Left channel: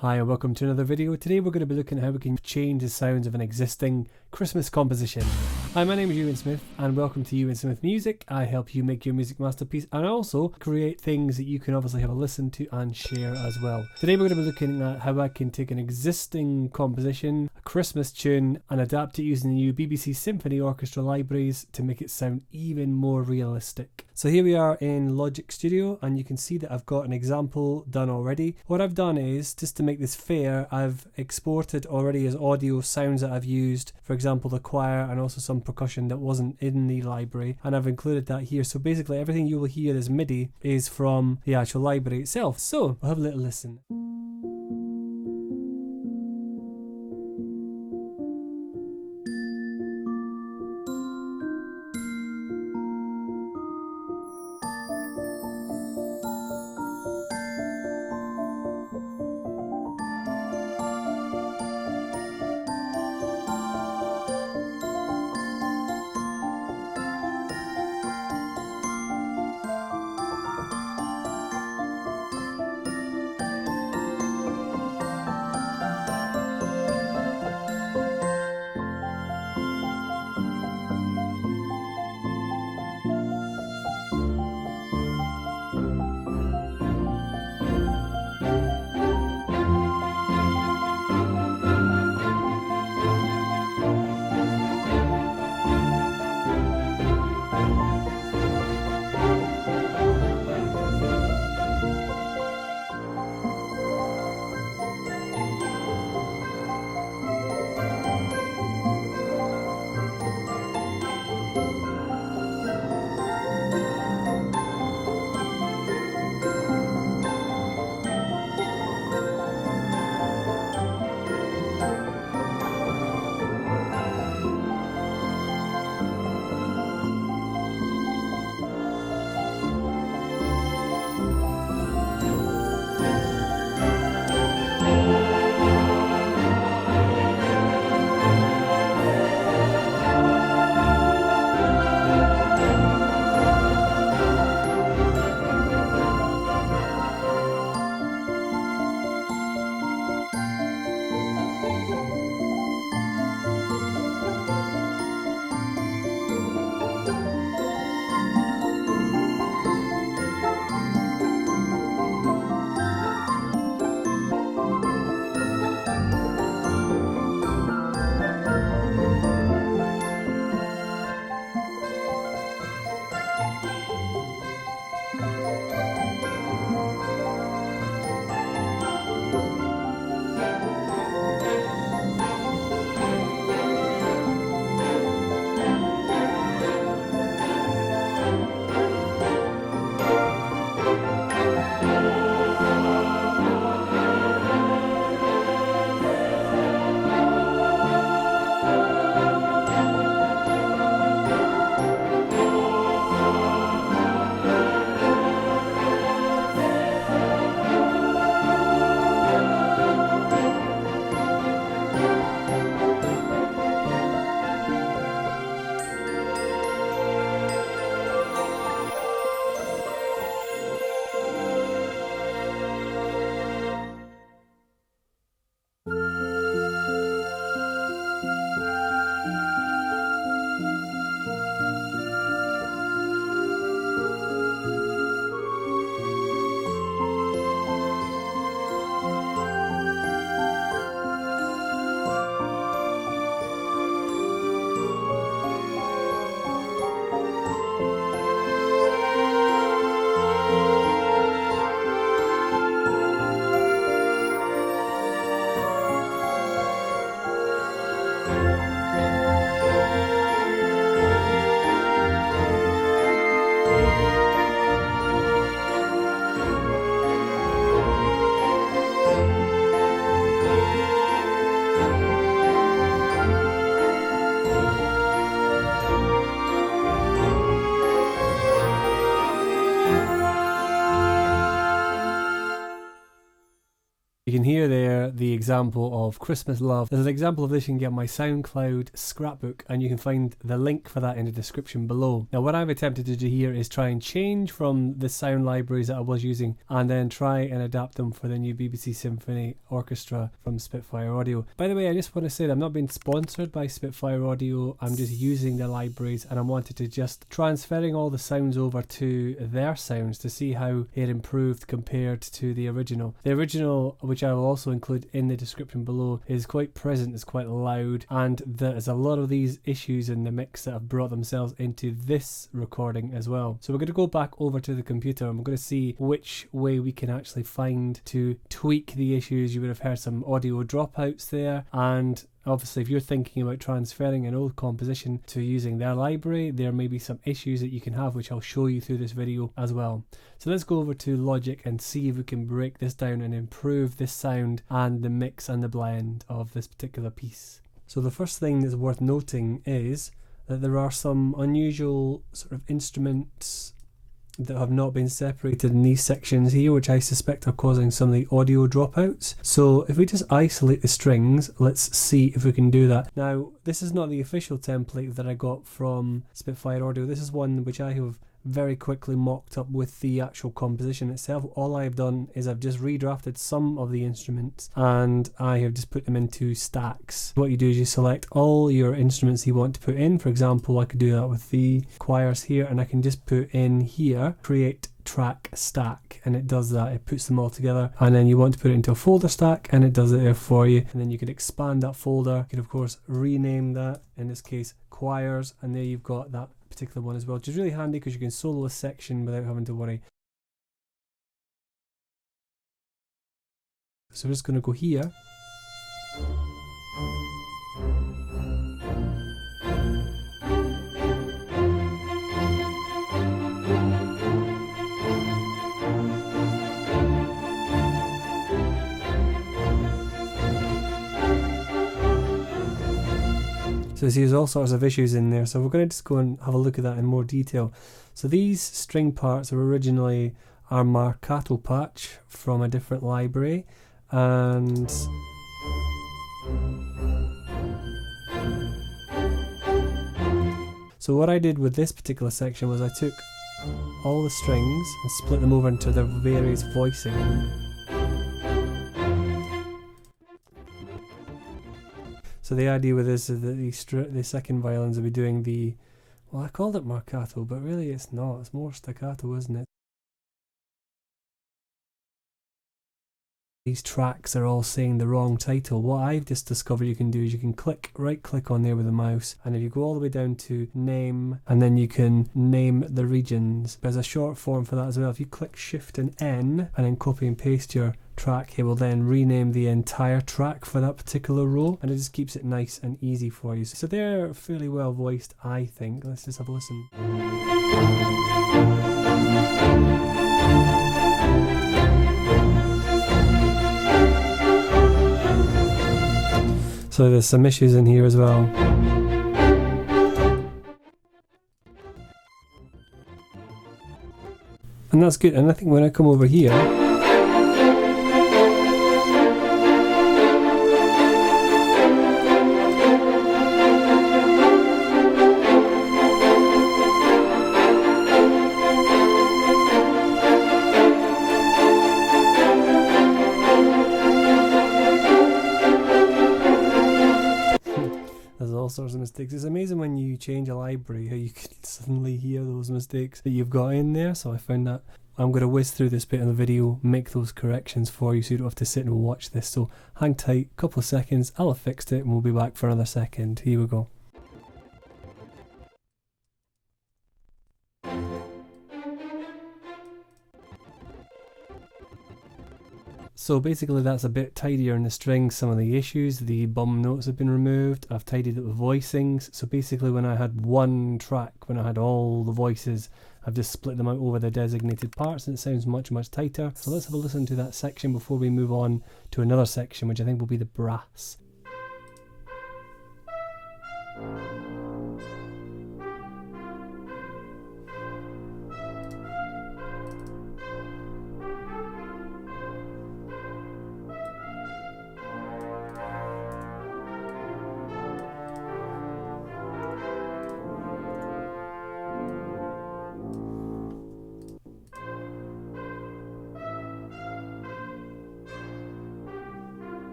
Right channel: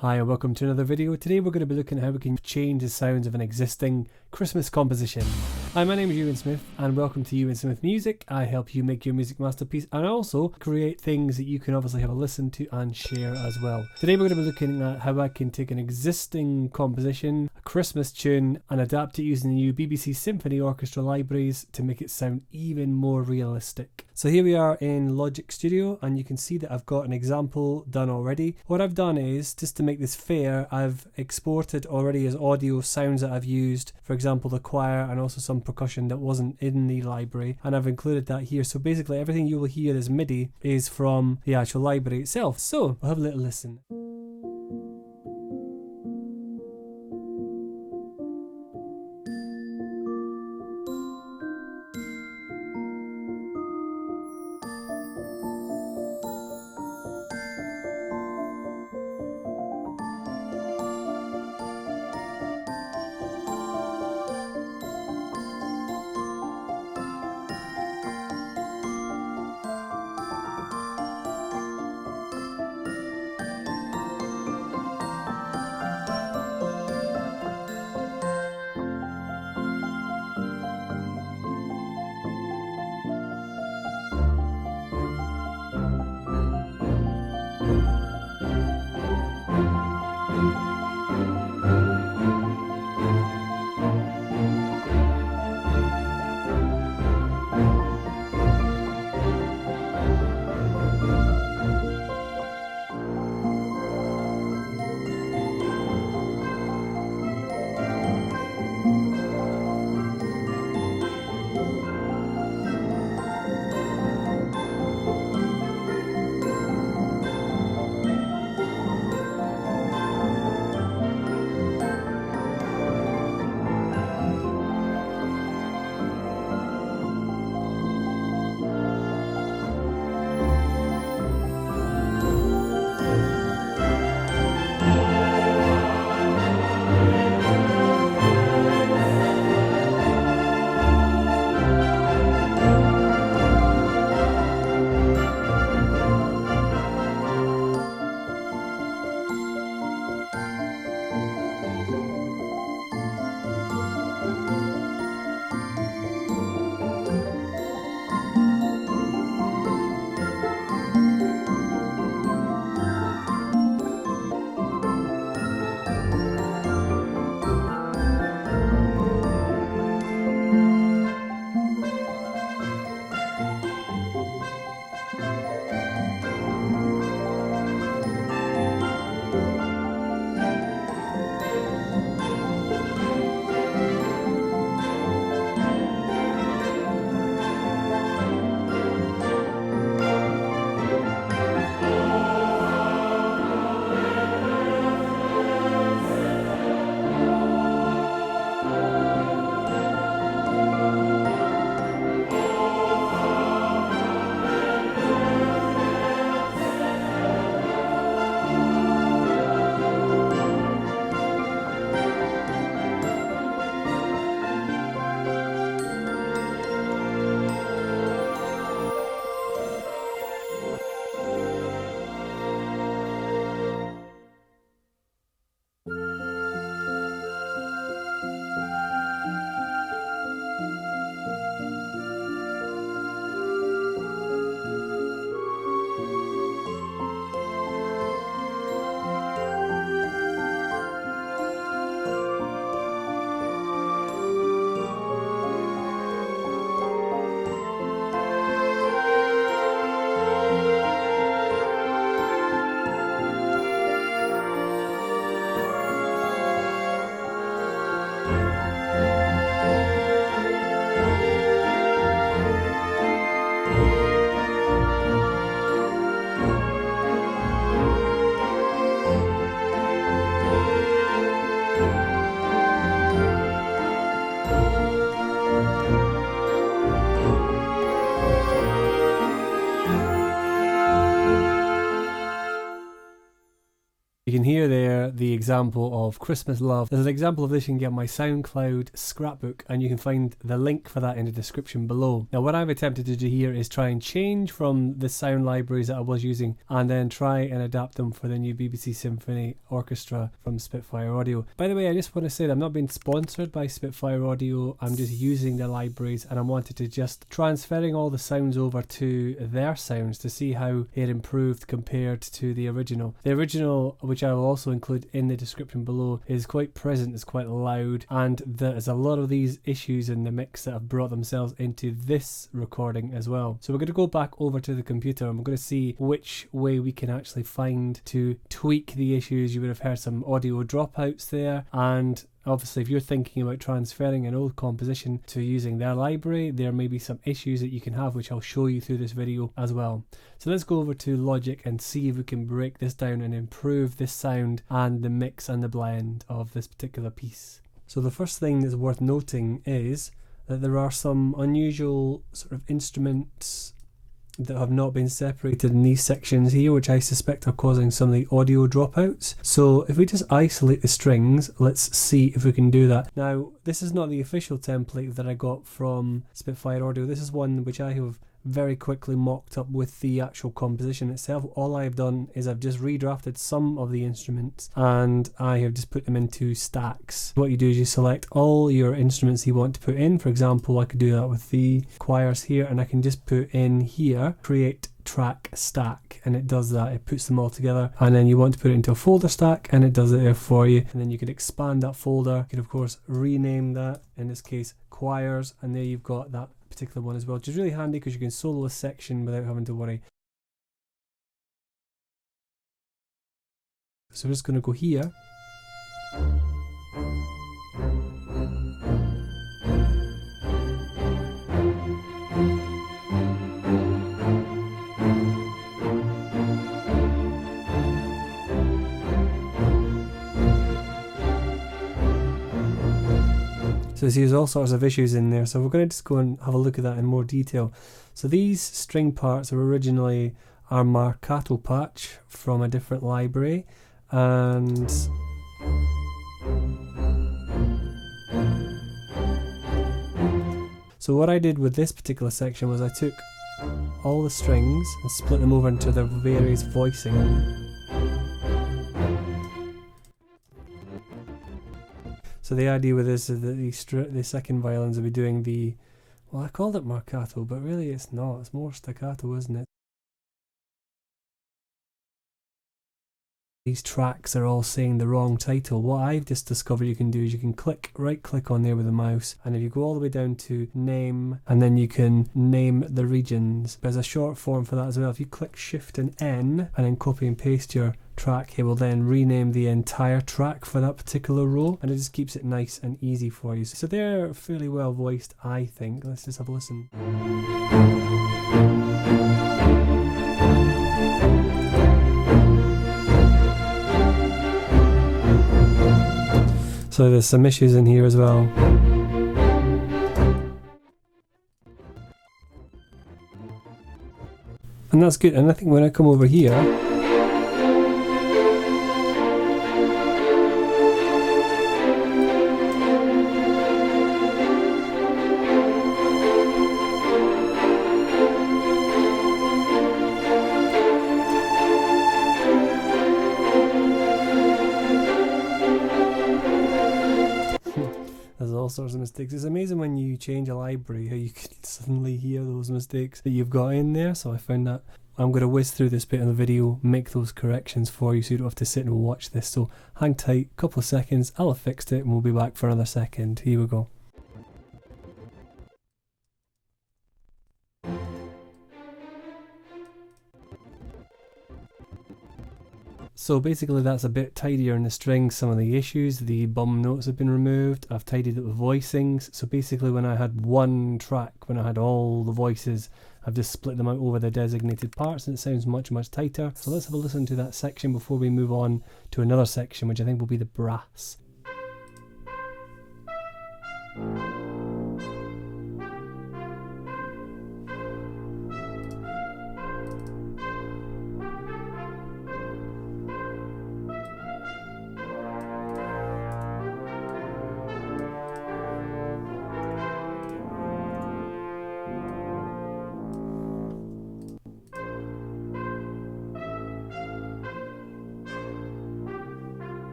Hi and welcome to another video. Today we're going to be looking at how we can change the sounds of an existing Christmas composition. Hi, my name is Euan Smith and welcome to Euan Smith Music. I help you make your music masterpiece and also create things that you can obviously have a listen to and share as well. Today we're going to be looking at how I can take an existing composition, a Christmas tune, and adapt it using the new BBC Symphony Orchestra libraries to make it sound even more realistic. So here we are in Logic Studio and you can see that I've got an example done already. What I've done is, just to make this fair, I've exported already as audio sounds that I've used, for example the choir and also some percussion that wasn't in the library, and I've included that here. So basically everything you will hear as MIDI is from the actual library itself. So we'll have a little listen. You can hear there the example of Chrstmas Love. There's an example of this you can get on my Soundcloud scrapbook, and you can find the link for that in the description below. Now what I've attempted to do here is try and change from the sound libraries that I was using and then try and adapt them for the new BBC Symphony Orchestra from Spitfire Audio. By the way, I just want to say that I'm not being sponsored by Spitfire Audio, I'm just using the libraries, and I wanted to just transferring all the sounds over to their sounds to see how it improved compared to the original. The original, which I will also include in the description below, is quite present, it's quite loud, and there's a lot of these issues in the mix that have brought themselves into this recording as well. So we're going to go back over to the computer and we're going to see which way we can actually find to tweak the issues. You would have heard some audio dropouts there, and obviously if you're thinking about transferring an old composition to using their library, there may be some issues that you can have, which I'll show you through this video as well. So let's go over to Logic and see if we can break this down and improve this sound and the mix and the blend of this particular piece. So the first thing that's worth noting is that there are some unusual sort of instruments that have not been separated in these sections here, which I suspect are causing some of the audio dropouts. So if we just isolate the strings, let's see if we can do that. Now, this is not the official template that I got from Spitfire Audio. This is one which I have very quickly mocked up with the actual composition itself. All I've done is I've just redrafted some of the instruments and I have just put them into stacks. What you do is you select all your instruments you want to put in. For example, I could do that with the choirs here, and I can just put in here, create track stack, and it does that. It puts them all together, and then you want to put it into a folder stack and it does it there for you, and then you could expand that folder. You could of course rename that, in this case choirs, and there you've got that particular one as well, which is really handy because you can solo a section without having to worry. So we're just going to go here. So there's all sorts of issues in there, so we're going to just go and have a look at that in more detail. So these string parts are originally our marcato patch from a different library, and so what I did with this particular section was I took all the strings and split them over into their various voicing. So the idea with this is that the second violins will be doing the, well, I called it marcato, but really it's not, it's more staccato, isn't it? These tracks are all saying the wrong title. What I've just discovered you can do is you can right click on there with the mouse, and if you go all the way down to name, and then you can name the regions. There's a short form for that as well. If you click Shift and N and then copy and paste your track, it will then rename the entire track for that particular row, and it just keeps it nice and easy for you. So they're fairly well voiced, I think. Let's just have a listen. So there's some issues in here as well. And that's good, and I think when I come over here, there's all sorts of mistakes. It's amazing when you change a library how you can suddenly hear those mistakes that you've got in there. So I found that I'm going to whiz through this bit in the video, make those corrections for you so you don't have to sit and watch this. So hang tight, a couple of seconds, I'll have fixed it and we'll be back for another second. Here we go. So basically that's a bit tidier in the strings, some of the issues, the bum notes have been removed, I've tidied up the voicings. So basically when I had one track, when I had all the voices, I've just split them out over the designated parts and it sounds much tighter. So let's have a listen to that section before we move on to another section, which I think will be the brass.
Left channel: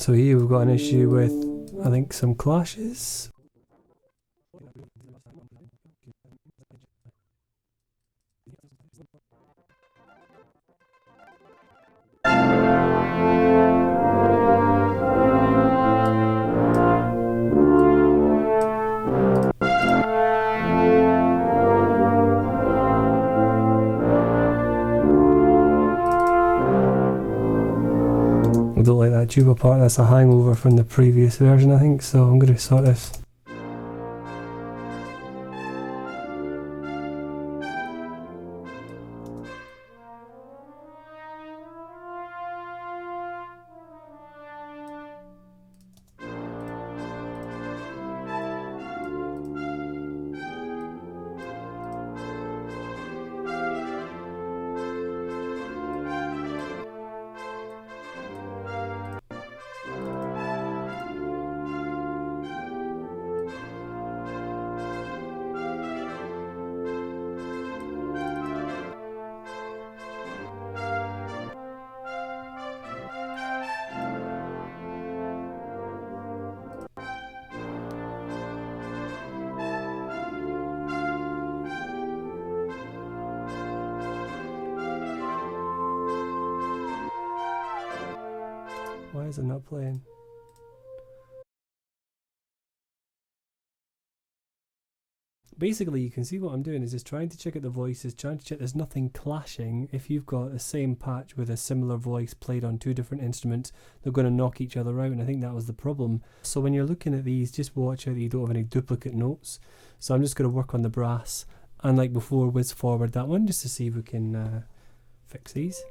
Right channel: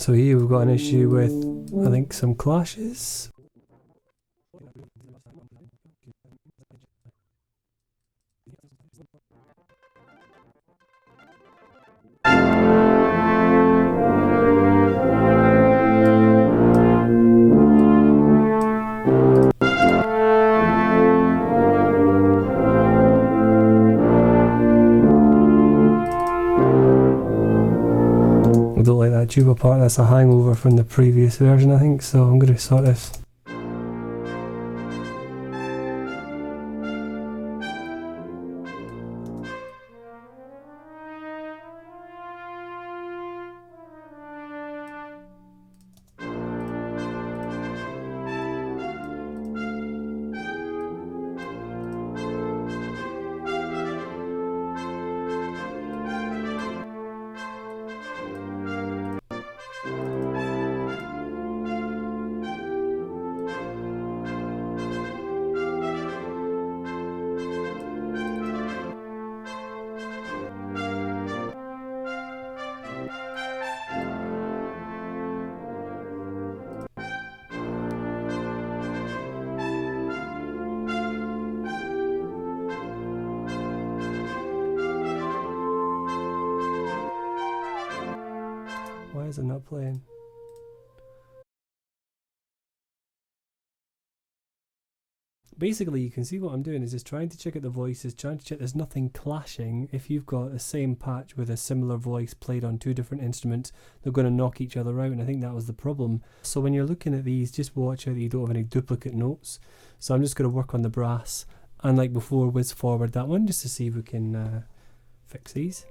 So here we've got an issue with, I think, some clashes. I don't like that tuba part, that's a hangover from the previous version I think, so I'm going to sort this. Why is it not playing? Basically, you can see what I'm doing is just trying to check out the voices, trying to check there's nothing clashing. If you've got the same patch with a similar voice played on two different instruments, they're going to knock each other out, and I think that was the problem. So when you're looking at these, just watch out that you don't have any duplicate notes. So I'm just going to work on the brass, and like before, whiz forward that one just to see if we can fix these.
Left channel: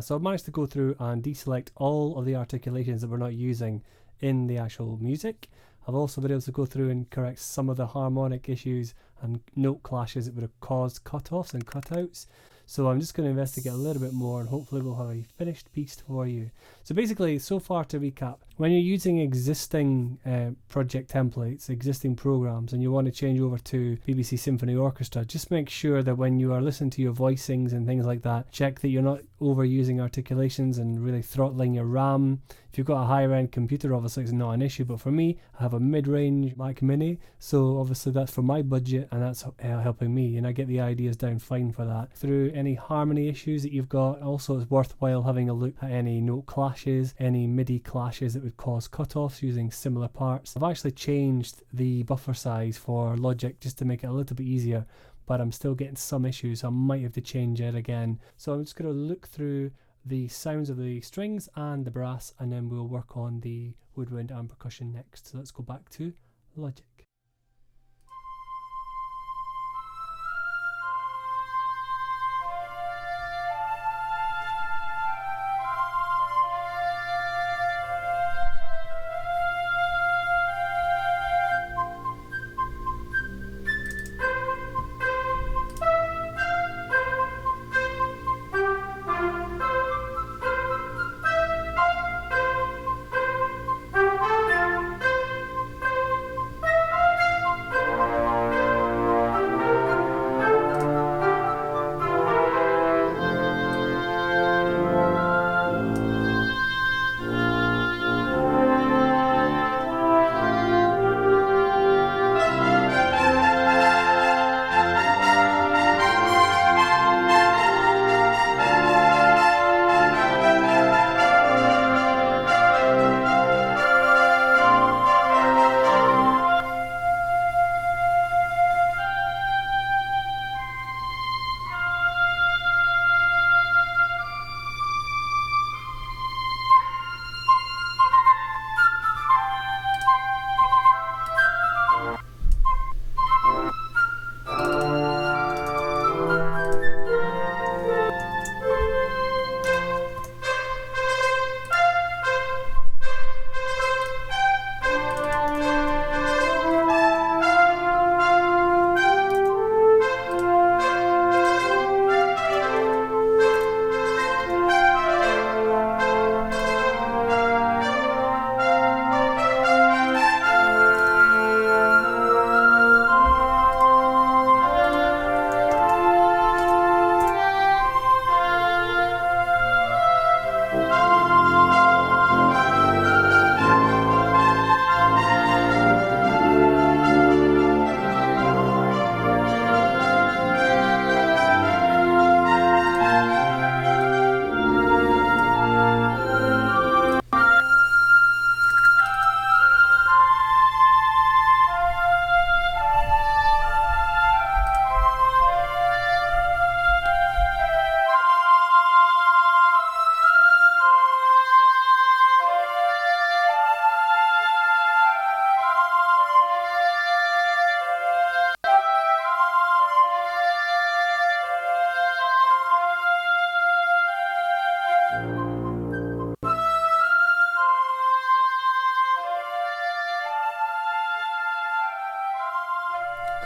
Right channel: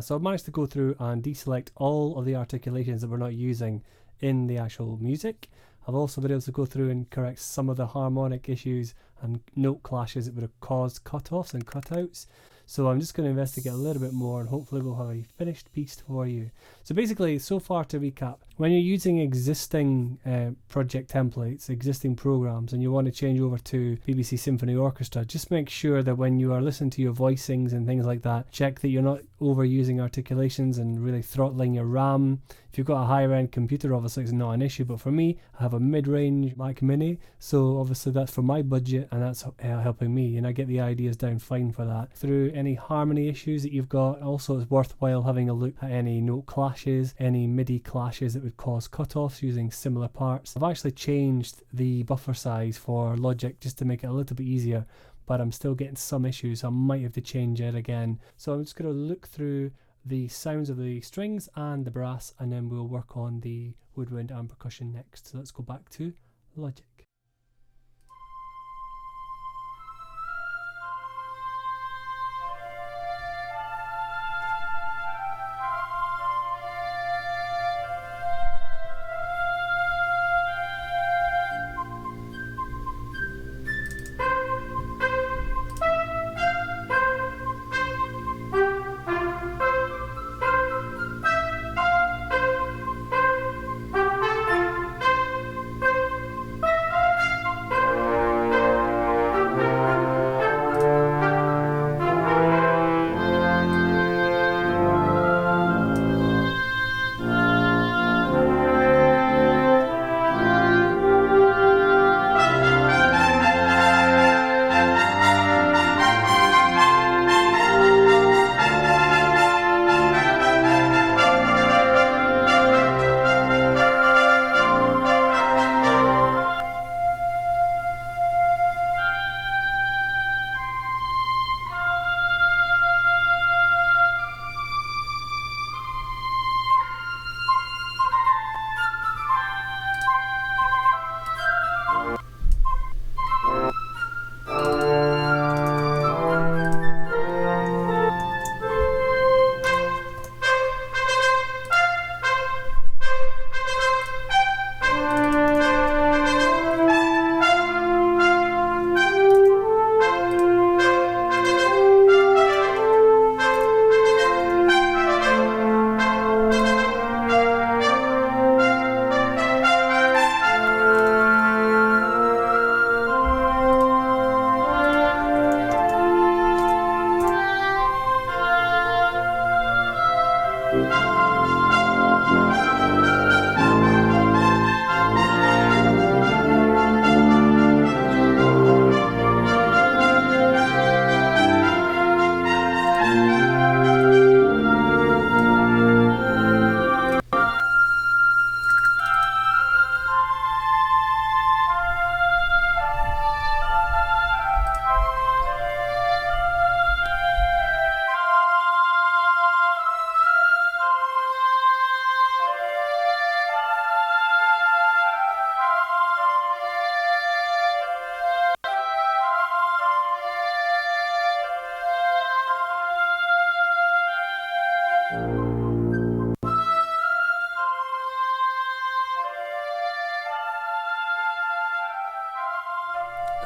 So I've managed to go through and deselect all of the articulations that we're not using in the actual music. I've also been able to go through and correct some of the harmonic issues and note clashes that would have caused cutoffs and cutouts. So I'm just going to investigate a little bit more, and hopefully we'll have a finished piece for you. So basically, so far to recap, when you're using existing project templates, existing programs, and you want to change over to BBC Symphony Orchestra, just make sure that when you are listening to your voicings and things like that, check that you're not overusing articulations and really throttling your RAM. If you've got a higher end computer, obviously it's not an issue, but for me, I have a mid-range Mac Mini, so obviously that's for my budget, and that's helping me, and I get the ideas down fine for that. Through any harmony issues that you've got, also it's worthwhile having a look at any note clashes, any MIDI clashes that would cause cutoffs using similar parts. I've actually changed the buffer size for Logic just to make it a little bit easier, but I'm still getting some issues, so I might have to change it again. So I'm just going to look through the sounds of the strings and the brass, and then we'll work on the woodwind and percussion next. So let's go back to Logic.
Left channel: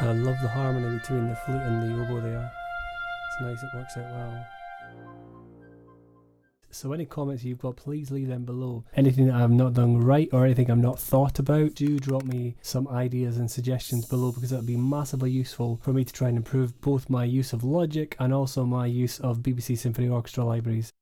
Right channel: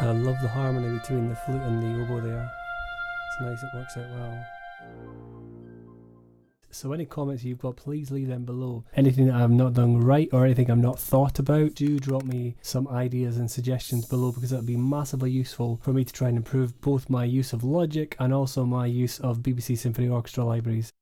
And I love the harmony between the flute and the oboe there. It's nice, it works out well. So any comments you've got, please leave them below. Anything that I've not done right or anything I've not thought about, do drop me some ideas and suggestions below, because that would be massively useful for me to try and improve both my use of Logic and also my use of BBC Symphony Orchestra libraries.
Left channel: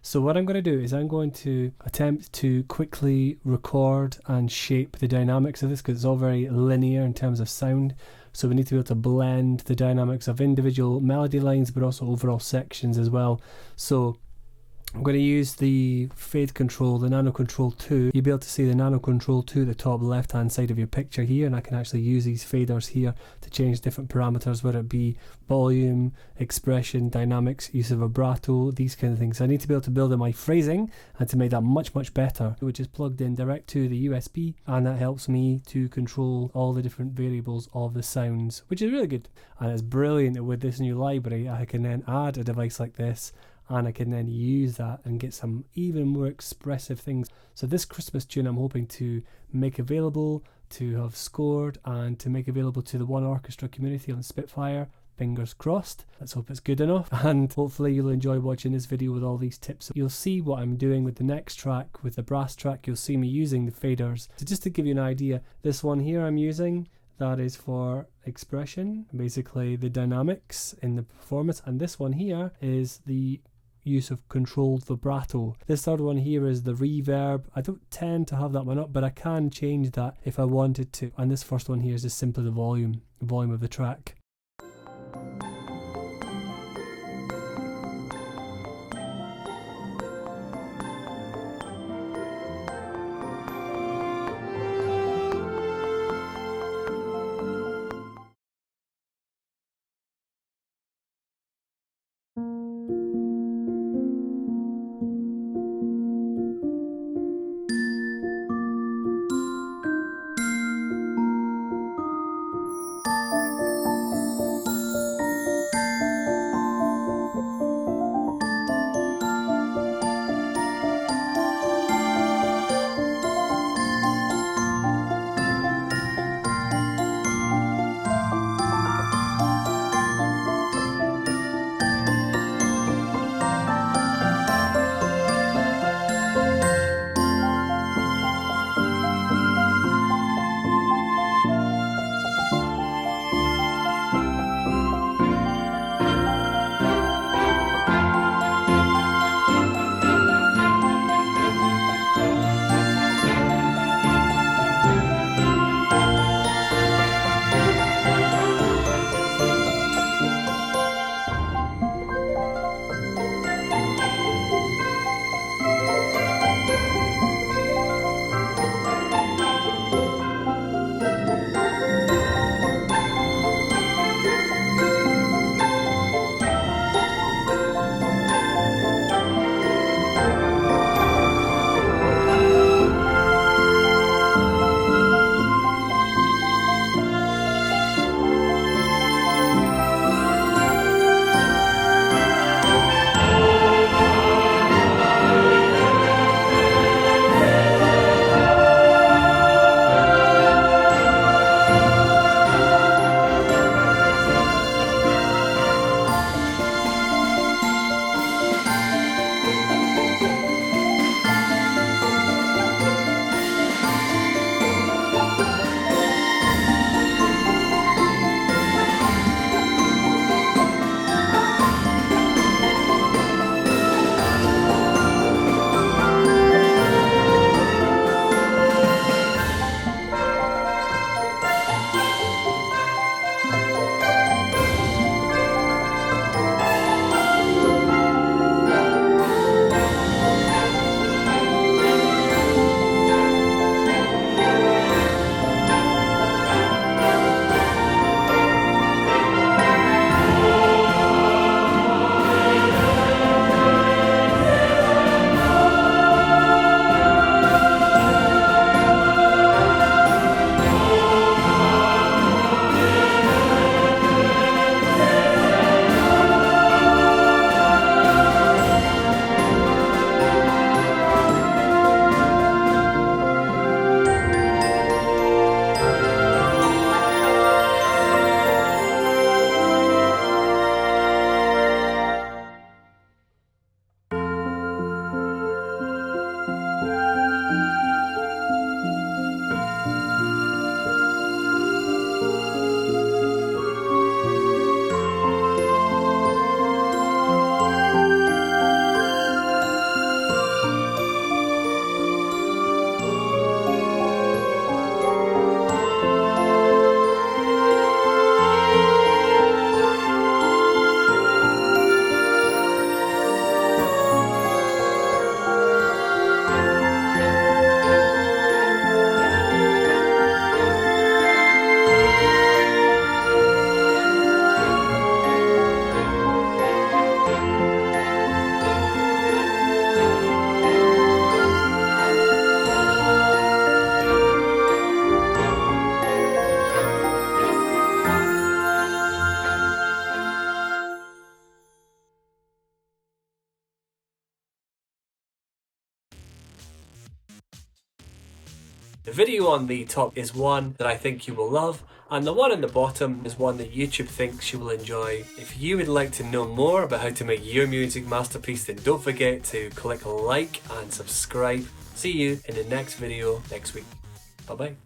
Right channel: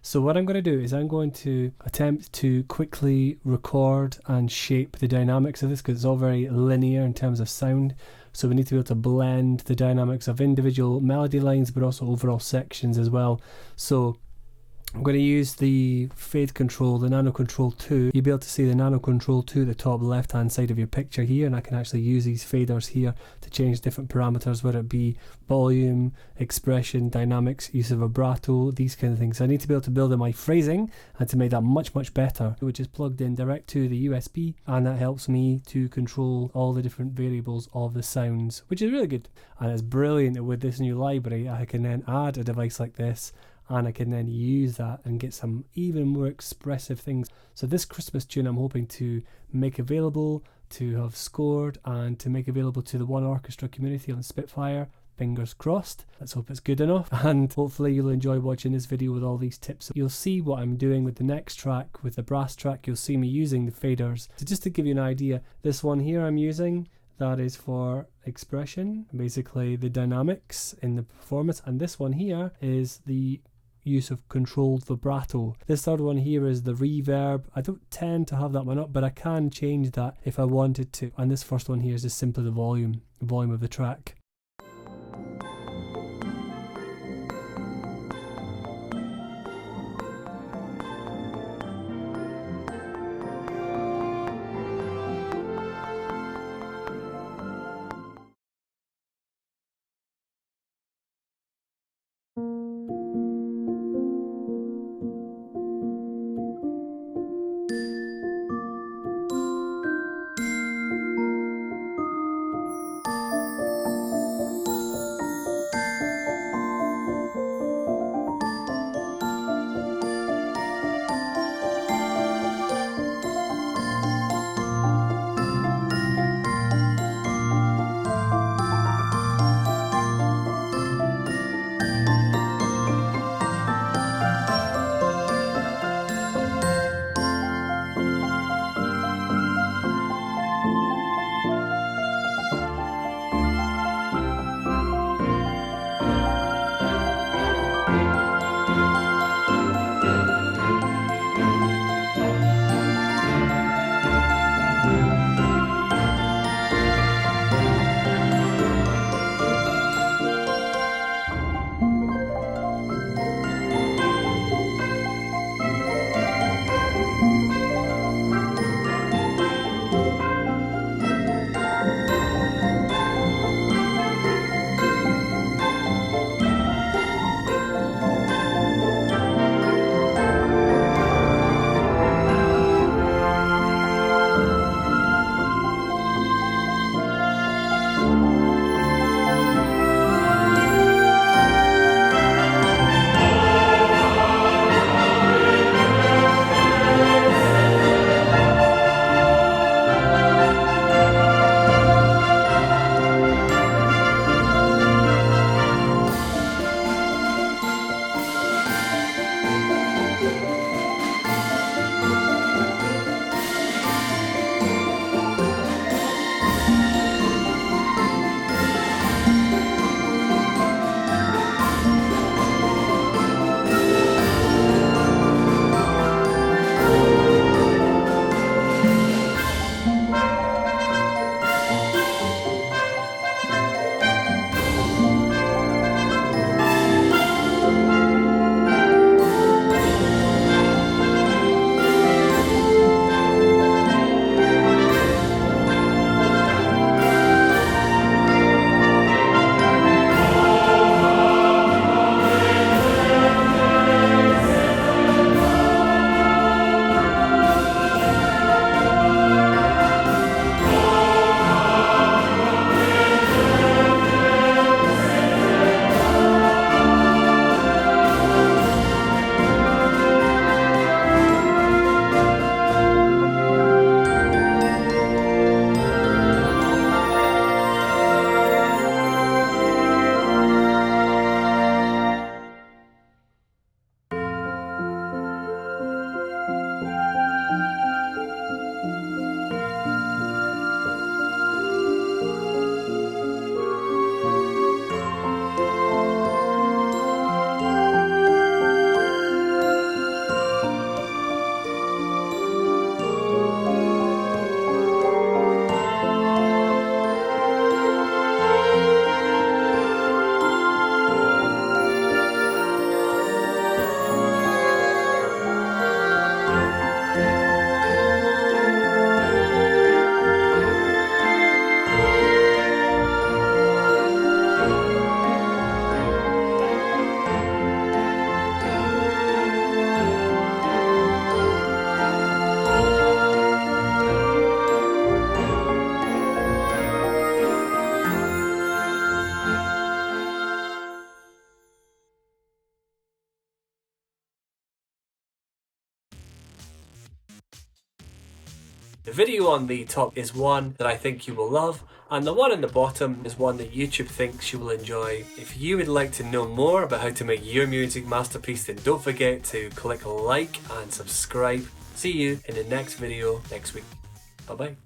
So what I'm going to do is I'm going to attempt to quickly record and shape the dynamics of this, because it's all very linear in terms of sound. So we need to be able to blend the dynamics of individual melody lines, but also overall sections as well. So I'm going to use the fade control, the Nano Control 2. You'll be able to see the Nano Control 2 at the top left hand side of your picture here, and I can actually use these faders here to change different parameters, whether it be volume, expression, dynamics, use of vibrato, these kind of things. I need to be able to build in my phrasing and to make that much better, which is plugged in direct to the USB, and that helps me to control all the different variables of the sounds, which is really good. And it's brilliant that with this new library I can then add a device like this, and I can then use that and get some even more expressive things. So this Christmas tune I'm hoping to make available, to have scored, and to make available to the oneorchestra community on Spitfire. Fingers crossed. Let's hope it's good enough, and hopefully you'll enjoy watching this video with all these tips. You'll see what I'm doing with the next track, with the brass track. You'll see me using the faders. So just to give you an idea, this one here I'm using, that is for expression, basically the dynamics in the performance, and this one here is the use of controlled vibrato. This third one here is the reverb. I don't tend to have that one up, but I can change that if I wanted to. And this first one here is just simply the volume of the track. The video on the top is one that I think you will love, and the one on the bottom is one that YouTube thinks you will enjoy. If you would like to know more about how to make your music masterpiece, then don't forget to click like and subscribe. See you in the next video next week. Bye bye.